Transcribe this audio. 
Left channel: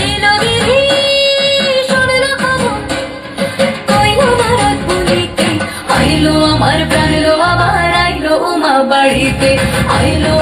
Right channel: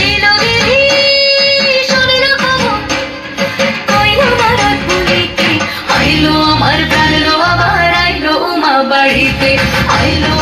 এলো দিদি স্বর্ণ পবন কইলো নারদ বলিতে আইলো আমার প্রাণ আবার আইলো মা বাড়িতে আইলো